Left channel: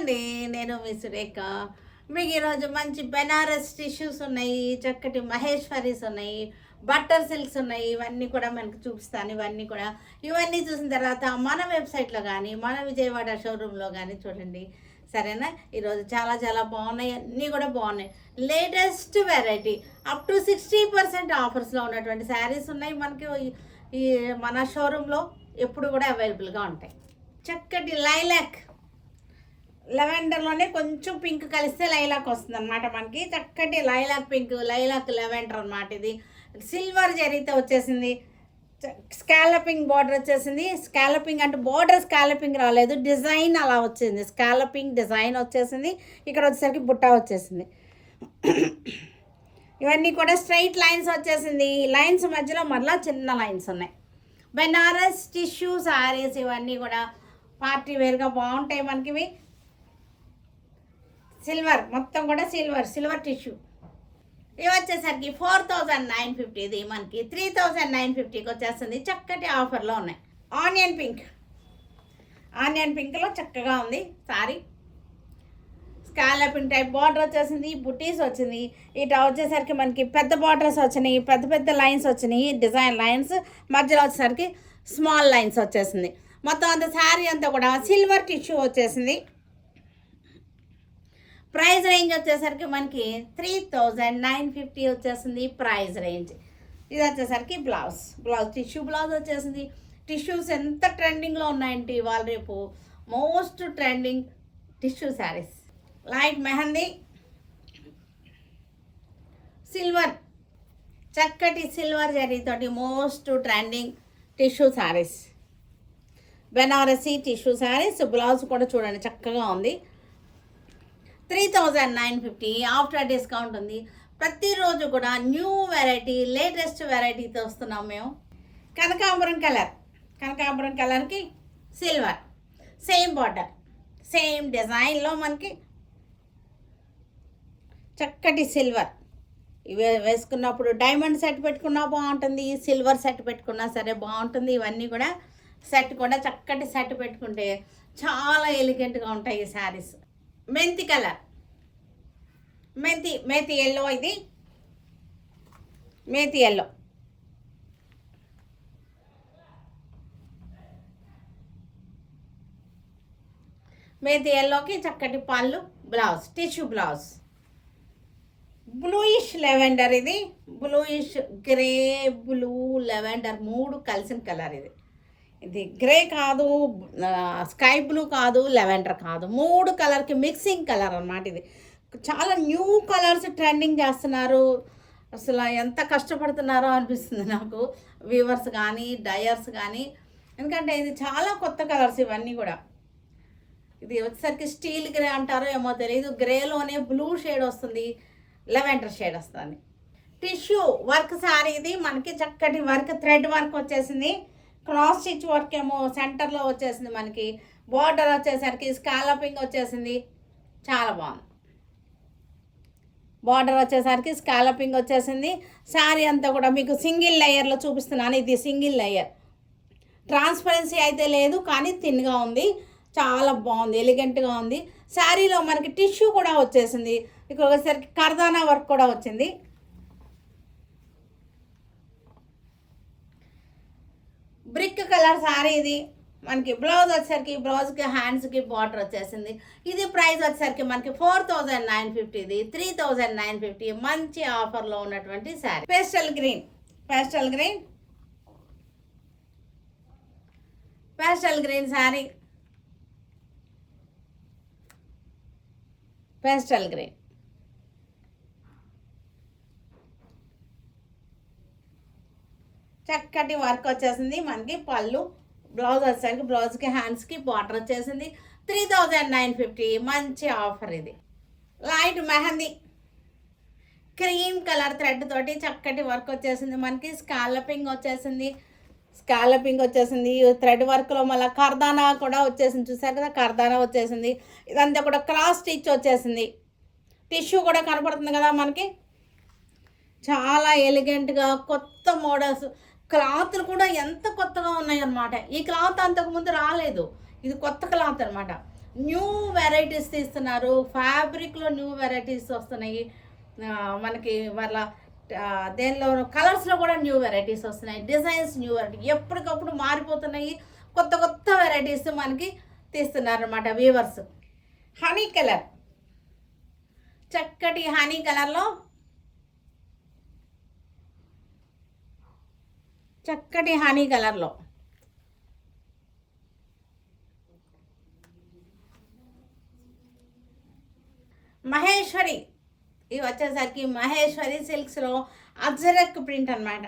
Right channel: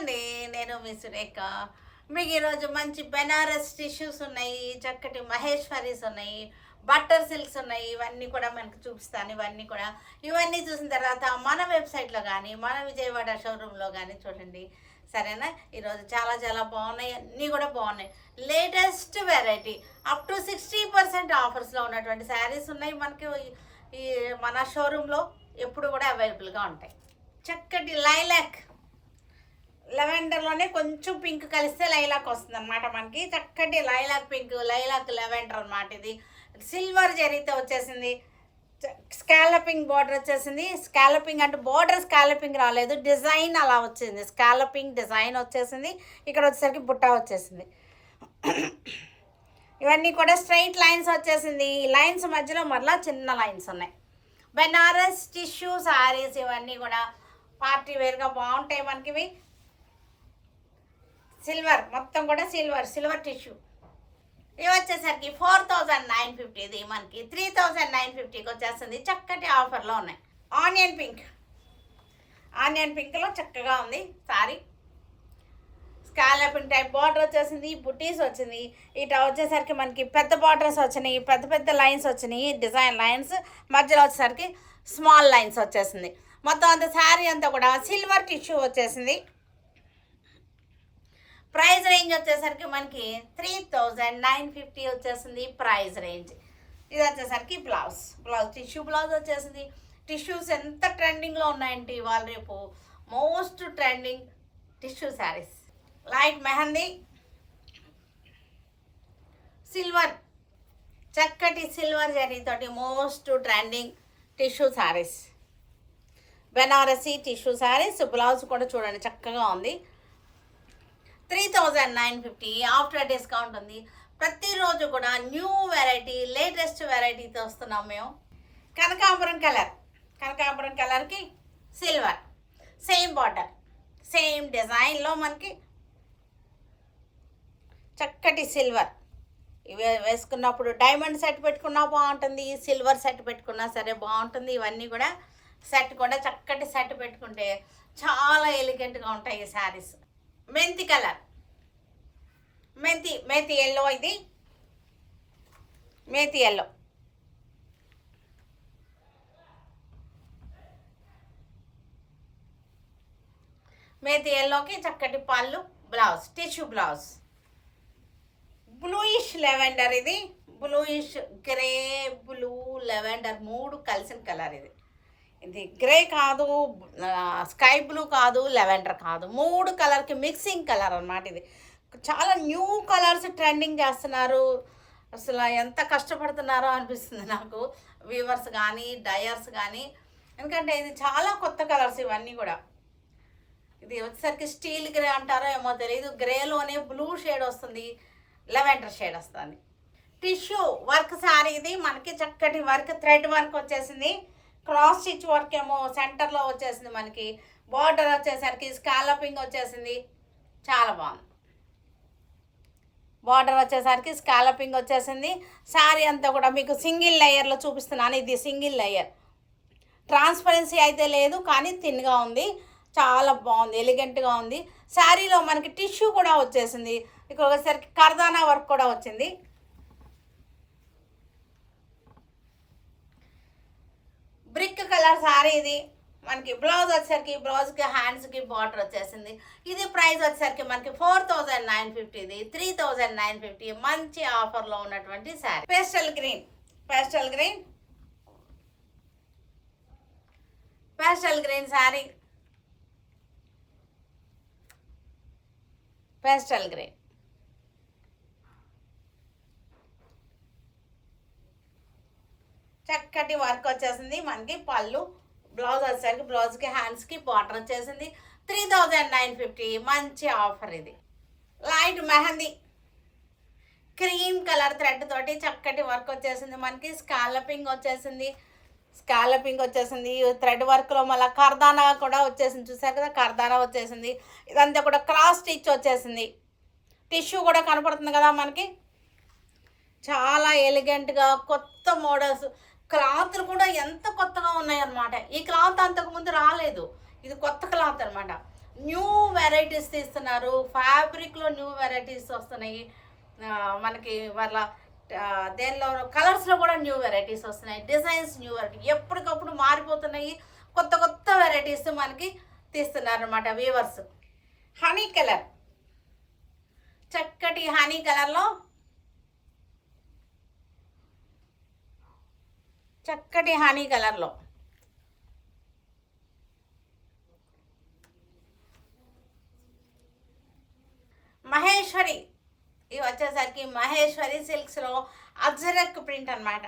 అండి. నేను మీ సురేఖ. మీకు ఈరోజు మంచి బెనారస్ టిష్యూస్ ఉన్నాయి, చక్కటి మహేశ్వరీస్ ఉన్నాయి, బట్టర్ సిల్క్స్ ఉన్నాయి. ఇవన్నీ కూడా మనకు చూపిస్తాను. ఇవన్నీ చూసిన తర్వాత మన వెబ్సైట్లో కానీ, మన విజయవాడ షోరూంలో కానీ చూడండి. సరేనా? ఈరోజు చాలా చాలా బాగున్నాయి, అన్నీ కూడా బాగున్నాయి. లేటెస్ట్ వెరైటీ అప్ టు 60% ఆఫర్స్లో ఉన్నటువంటి శారీస్ ఉన్నాయి మనకి ఈ మన షోరూంలో ఎప్పుడు కూడా అవైలబుల్గా ఉంటాయి. చక్కటి లైలాక్ లెవెండర్లోనే కొంచెం పింక్ కలిస్తే లైలాక్ వస్తుంది అనమాట. మనకి చక్కటి లైలాక్ పింక్, లైలాక్ లెవెండర్ అనమాట. ఇది సిల్వర్ జరీతో వచ్చేసింది. స్కాలపింగ్ బార్డర్ వచ్చేసింది. స్కాలపింగ్ అంటే బార్డర్ స్కాలపింగ్ రాలేదు, డిజైన్ అలా వచ్చింది. స్కాలపింగ్ డిజైన్ వచ్చేసింది. ఇక్కడ వచ్చేసరికి బుట్ట వచ్చేసింది. ఇవన్నీ కూడా స్ట్రైట్ లైన్స్ వచ్చేసింది. ఈ లైన్స్ మధ్యలో మరలా చిన్న లైన్స్ ఉన్నాయి. బెనారస్ టిష్యూ సారీస్ ఇవన్నీ కూడా పార్టీ వేర్గా బాగుంటాయి మనకి. ఇవి సిల్వర్, మొత్తం కూడా సిల్వర్ టిష్యూ. ఇవి వచ్చేసరికి 4950. ఇది మనకి 3950కి వచ్చేస్తుంది. చక్కటి ఆఫర్లో ఉన్నాయి. ఆనియన్ పింక్లో చక్కగా ఉంది సారీ. స్కాలపింగ్ టైప్ బార్డర్ వచ్చేసింది, బుటీస్ వచ్చింది. ఇట వచ్చేసరికి మనకి పెద్ద బార్డర్స్ వచ్చినాయి, పెద్ద లైన్స్ వచ్చినాయి, డిజైన్ లైన్స్. మధ్యలో వచ్చేసరికి స్మాల్ లైన్స్ వచ్చేసింది. మొత్తం అంత శారీ అంతా కూడా సిల్వర్ టిష్యూ వచ్చేసింది. ప్రైస్ రేంజ్ వచ్చేసరికి మనకి 3950 వచ్చేసింది ప్రైస్ రేంజ్. ఇది వచ్చేసరికి బ్లౌజ్ టిష్యూ బ్లౌజ్ వచ్చేసింది. టిష్యూస్ ఎంత ట్రెండింగ్లో ఉన్నాయంటే ఇవాళ రేపు most trending tissue saris. Light mehndi silver, చక్కటి సిల్వర్ జరీతోటి most trending tissue saris, Banarasi tissue saris. Blouse కూడా చూడండి చక్కగా ఉంది. 3950 ఆఫ్టర్ డిస్కౌంట్ ఉంది. ప్రతిరోజు కూడా న్యూ వెరైటీ, లేటెస్ట్ వెరైటీతో వస్తున్నాం మేము. కనకాంబరం కలర్కి సిల్వర్, సేమ్ బార్డర్, సేమ్ డిజైన్లో మనకి చక్కటి సిల్వర్. ఇవి వేసుకున్నప్పుడు డైమండ్ సెట్ పెట్టుకున్నా బాగుంటుంది, సిల్వర్ సెట్ పెట్టుకున్నా సరే బాగుంటుంది. ఇవన్నీ కూడా సెట్ కూడా చక్కటి సెట్ పెట్టుకుంటే చాలా ఎలిగెంట్గా ఉంటాయి ఈ శారీస్. మెంతి కలర్, మేతి ఎల్లో. ఇది మేతి ఎల్లో. మేతి ఎల్లోకి చక్కటి పళ్ళు, blouse, tissue blouse. Bluish lavender. ఇది బ్లూయిష్ గ్రే, బ్లూ, లెవెండర్ మూడు కలిసిన కలర్. ఇది గ్రే కాదు, స్కై బ్లూ కాదు, లెవెండర్ కాదు, మూడు కలర్కి మిక్సింగ్ కలర్ అన్నమాట. ఇది చాలా న్యూ కలర్స్ ట్రెండింగ్ చేస్తున్నారు. అసలు ఎంత కష్టపడుతున్నారో అనిపిస్తుంది నాకు, వీవర్స్ కానీ డయర్స్ కానీ. ఎందుకంటే ఇది చాలా కొత్త కలర్స్ ఇవన్నీ కూడా. ఇది వచ్చేసరికి స్టీల్ గ్రే అంటారో ఏమో తెలియదు. గ్రేలోనే బ్లూ షేడ్ వస్తుంది, లెవెండర్ షేడ్ వస్తుంది. Tissue work sari. ఇది మనకి చక్కటి వర్క్, థ్రెడ్ వర్క్ వచ్చేసింది. క్రాస్ స్టిచ్ వర్క్ ఏమో సెంటర్లో వచ్చేసింది. మనకి బార్డర్ వచ్చేసరికి స్కాలపింగ్ వచ్చేసింది, చాలా బాగుంది. బార్డర్ వచ్చేసరికి స్కాలపింగ్ వచ్చేసింది. శారీ అంతా కూడా మీకు సింగిల్ లేయర్లో చూపిస్తున్నాను. ఇది సింగిల్ లేయర్, ట్రాన్స్పరెన్సీ అయితే లేదు కానీ థిన్గా ఉంది, చాలా బాగుంది, ఎలిగెంట్గా ఉంది. శారీలో మనకి టిష్యూ కూడా వచ్చేసింది. ఇక్కడ వచ్చేసరికి కర్దానా వర్క్ కూడా వచ్చింది. Brick colour sari. ఇది మనకి బ్లౌజ్ వచ్చేసరికి బ్లౌజ్కి హ్యాండ్స్కి బార్డర్ వచ్చేసింది. ఇది ప్రైస్ వచ్చేసరికి మనకి 4950. ఇది 3950 మంచి ఆఫర్లో ఉన్నటువంటి sari. Pastel green sari. Pastel green చక్కటి వర్క్ వచ్చేసింది. మనకి పళ్ళు, బ్లౌజ్ వచ్చేసరికి బ్లౌజ్కి హ్యాండ్స్కి బార్డర్ వచ్చేసింది. 3950 మంచి ఆఫర్. ఇది light mehndi cream colour thread తోటి చక్కటి వర్క్ వచ్చేసింది. మనకి స్కాలపింగ్ వచ్చేసింది. థ్రెడ్ వర్క్లో మళ్ళీ కర్దానా కూడా వచ్చేసింది. చూసారు కదా, కర్దానా వచ్చేసింది. ఇదంతా కూడా క్రాస్ స్టిచ్ వచ్చేసింది. టిష్యూ కూడా కనపడుతుంది కదా మనకి, చాలా ఎలిగెంట్గా కొత్త మోడల్స్. క్లాత్లు కూడా ఎంత కొత్తగా ఉన్నాయన్నమాట. ఈ క్లాత్ అంతకుముందు రాలేదు, ఇది కొత్త క్లాత్ అనమాట. న్యూ వెరైటీస్ తీస్తున్నారు, ఫ్యాబ్రిక్లో న్యూ వెరైటీస్ వస్తున్నాయి. మనకి వాళ్ళ దేనిలో కలర్స్లో కూడా న్యూ వెరైటీస్ వస్తున్నాయి, డిజైన్స్ న్యూ వెరైటీ ఎప్పటికప్పుడు మారిపోతున్నాయి. కొత్త కొత్త వెరైటీస్ మనకి తీస్తున్నారు అన్నమాట వీవర్స్. హనీ కలర్, చక్కటి హనీ కలర్లో చక్కటి హనీ కలర్లో మహేశ్వరి, ఇవి వచ్చేసరికి మహేశ్వరి సిల్క్స్లో అజరక్ ప్రింట్ అనమాట.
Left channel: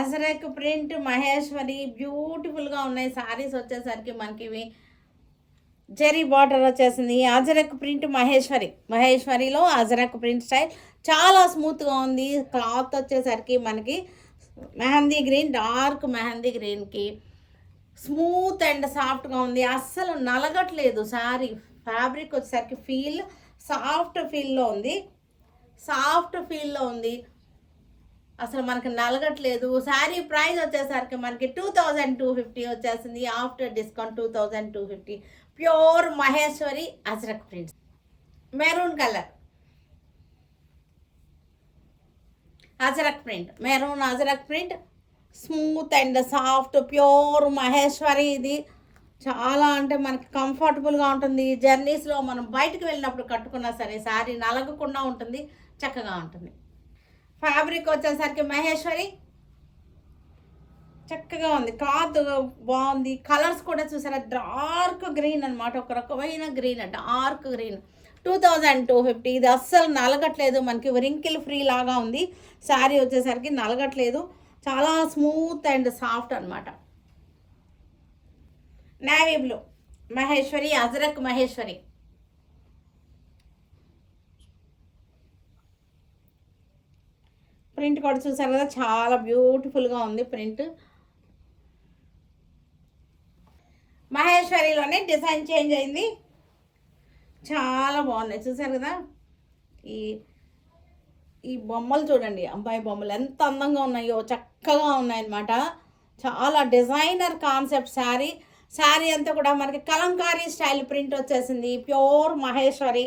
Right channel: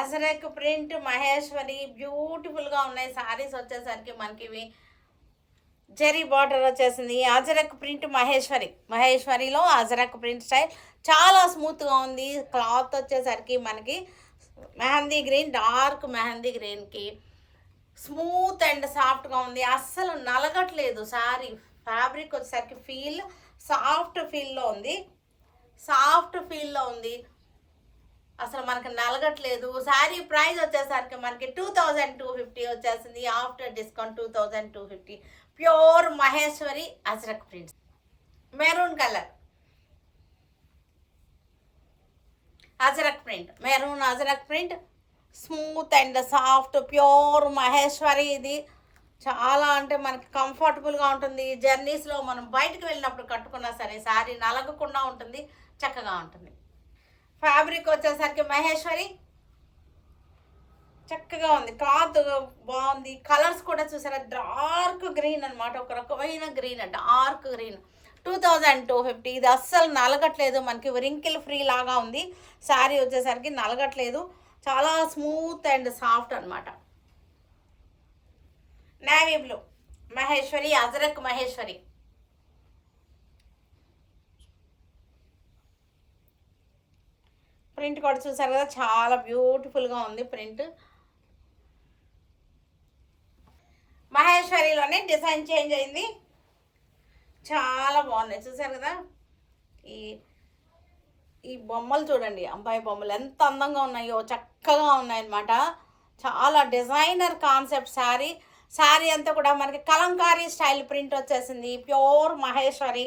అజరక్ ప్రింట్ మహేశ్వరి బ్యూటిఫుల్గా ఉన్నాయి సారీస్. వచ్చేసరికి మనకి ఇవి జెరీ బార్డర్ వచ్చేసింది. అజరక్ ప్రింట్ మహేశ్వరిలో అజరక్ ప్రింట్ స్టైల్ చాలా స్మూత్గా ఉంది. క్లాత్ వచ్చేసరికి మనకి మెహందీ గ్రీన్, డార్క్ మెహందీ గ్రీన్కి స్మూత్ అండ్ సాఫ్ట్గా ఉంది. అస్సలు నలగట్లేదు శారీ. ఫ్యాబ్రిక్ వచ్చేసరికి ఫీల్ సాఫ్ట్ ఫీల్లో ఉంది, అసలు మనకి నలగట్లేదు. శారీ ప్రైస్ వచ్చేసరికి మనకి 2250 వచ్చేసింది. After discount 2250. Pure Maheshwari Ajrakh prints. Maroon colour Ajrakh print, maroon Ajrakh print, smooth and soft pure Maheshwari. ఇది చాలా అంటే మనకి కంఫర్టబుల్గా ఉంటుంది. జర్నీస్లో మనం బయటకు వెళ్ళినప్పుడు కట్టుకున్నా సరే శారీ నలగకుండా ఉంటుంది, చక్కగా ఉంటుంది. ఫ్యాబ్రిక్ వచ్చేసరికి మహేశ్వరి చక్కగా ఉంది, క్లాత్ బాగుంది. కలర్స్ కూడా చూసారా, డార్క్ గ్రీన్ అనమాట, ఒక రకమైన గ్రీన్, డార్క్ గ్రీన్. 2250. ఇది అస్సలు నలగట్లేదు, మనకి రింకిల్ ఫ్రీ లాగా ఉంది. శారీ వచ్చేసరికి నలగట్లేదు, చాలా స్మూత్ అండ్ సాఫ్ట్ అనమాట. Navy blue Maheshwari, ajrakh Maheshwari. Print కూడా చూసారు కదా, చాలా బ్యూటిఫుల్గా ఉంది ప్రింట్. మహేశ్వరిలోనే డిజైన్ చేంజ్ అయింది, చాలా బాగున్నాయి. చూసారు కదా, ఈ బొమ్మలు చూడండి, అబ్బాయి బొమ్మలు ఎంత అందంగా ఉన్నాయో, చక్కగా ఉన్నాయన్నమాట. చాలా డిజైనర్ కాన్సెప్ట్ శారీ అంతా కూడా మనకి కలంకారీ స్టైల్ ప్రింట్ వచ్చేసింది. Pure Maheshwari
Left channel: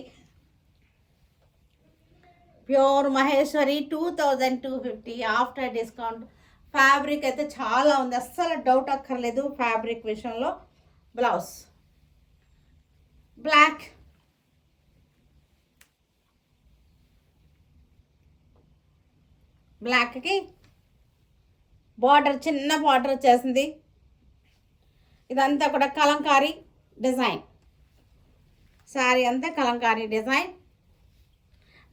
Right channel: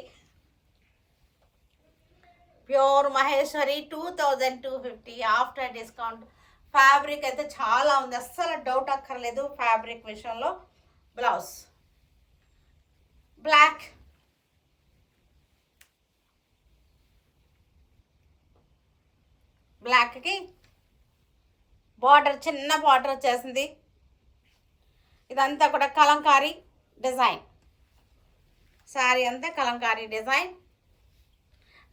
2250 after discount. Fabric అయితే చాలా ఉంది, అస్సలు డౌట్ అక్కర్లేదు ఫ్యాబ్రిక్ విషయంలో. బ్లౌజ్ బ్లాక్కి బార్డర్, చిన్న బార్డర్ వచ్చేసింది. ఇదంతా కూడా కలంకారీ డిజైన్, శారీ అంతా కలంకారీ డిజైన్.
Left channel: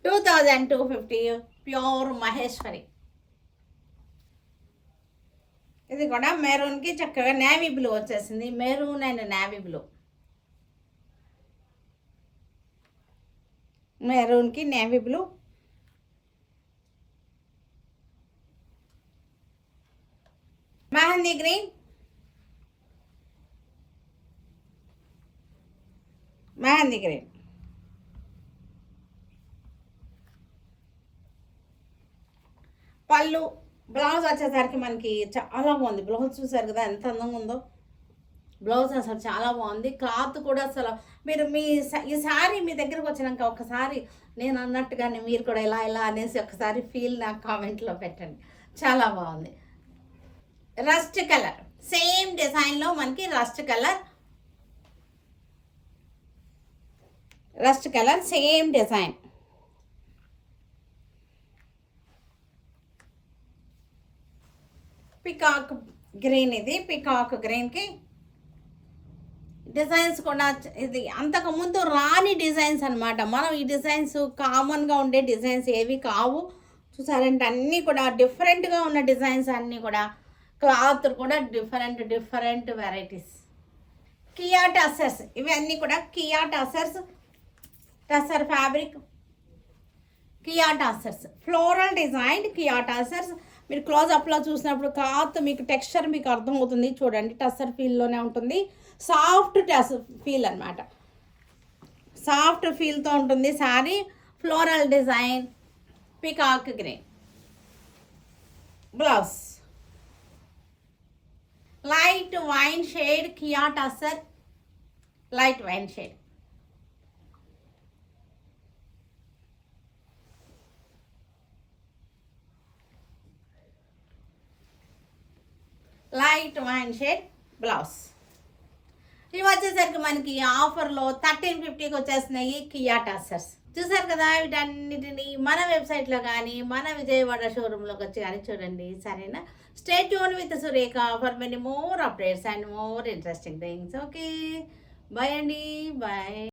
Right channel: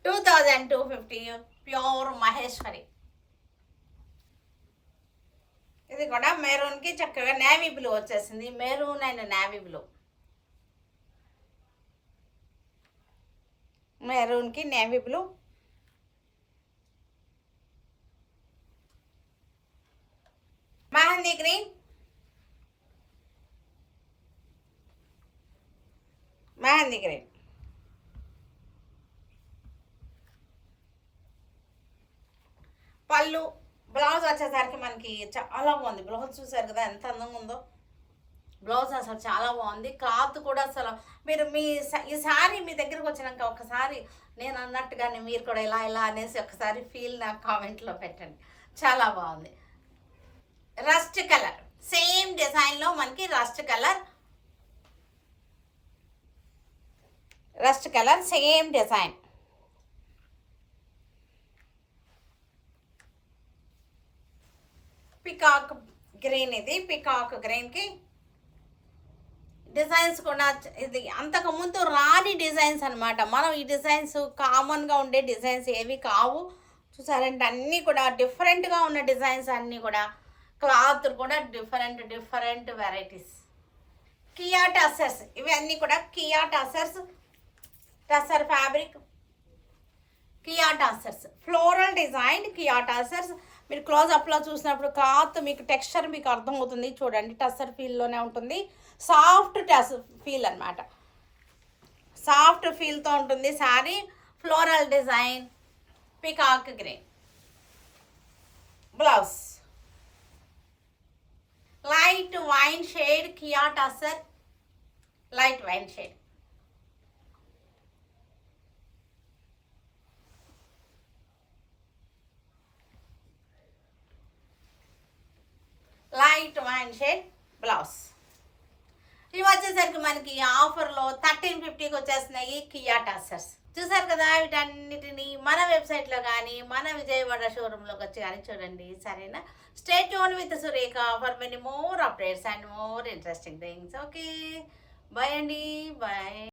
2250 ప్యూర్ మహేశ్వరి. ఇది కూడా మెరూన్కి చక్కగా నేవీ బ్లూ వచ్చేసింది. మెరూన్ అండ్ నేవీ బ్లూ, మెరూన్కి నేవీ బ్లూ. మెహందీ గ్రీన్, పళ్ళు. బ్లౌజ్ వచ్చేసరికి మనకి చాలా బాగుంది. బ్లౌజ్ చూసారు కదా ఎంత అందంగా ఉందో. బ్లౌజ్ అసలు చాలా బాగుంది. క్లాత్ కూడా అసలు మీరు ఈ శారీ మీ దగ్గరకు వచ్చినాక ఒకసారి నేను అన్నట్టుగానే మీరు కూడా ఇలా అనేసి ఒకసారి ఫీల్ నాకు కామెంట్లో పెట్టండి. చాలా బాగుంది. రస్ట్ కలర్, సేమ్ డిజైన్లో మనకి rust colour same design. Peacock green, ఇది పికాక్ గ్రీన్కి డిజైన్స్ కూడా ఇది అంతకుముందు రాని డిజైన్స్ అనమాట. మనం ఈ డిజైన్స్ కామన్గా ఉండే డిజైన్స్ ఏవి కావు. చూసారంటే అన్నీ కూడా డిఫరెంట్గా ఉన్న డిజైన్స్, అన్నీ కూడా క్లాత్ కూడా డిఫరెంట్ వెరైటీస్. కియా టసర్స్, ఇవన్నీ కూడా Kia tussar fabric, Kia tussars floral design. Kia tussars మీరు క్లోజ్అప్లో చూసినప్పుడు క్లాత్ మీకు టెక్స్చర్ మీకు అర్థమవుతుంది. చూడండి, టసర్ ఫీల్లోనే ఉంటుంది. సాఫ్ట్ టసర్ ఫీల్ అనమాట, సాఫ్ట్ ఫీల్తో ఉంటుంది sari. Floral design, peacock green. Blouse light wine shade, Kia tussar light wine shade. Light wine shade blouse. ఇవి వచ్చేసరికి మనకి ఆఫర్లో 1350కి వచ్చేస్తున్నాయి కియా టస్సర్స్. చూసారు కదా, వీటన్నిటిని మన వెబ్సైట్లో కానీ మన విజయవాడ షోరూంలోకి వచ్చి కానీ చూడండి, సరేనా? Stay tune with Surekha for many more updates and more interesting things. Okay, bye అండి, బాయ్.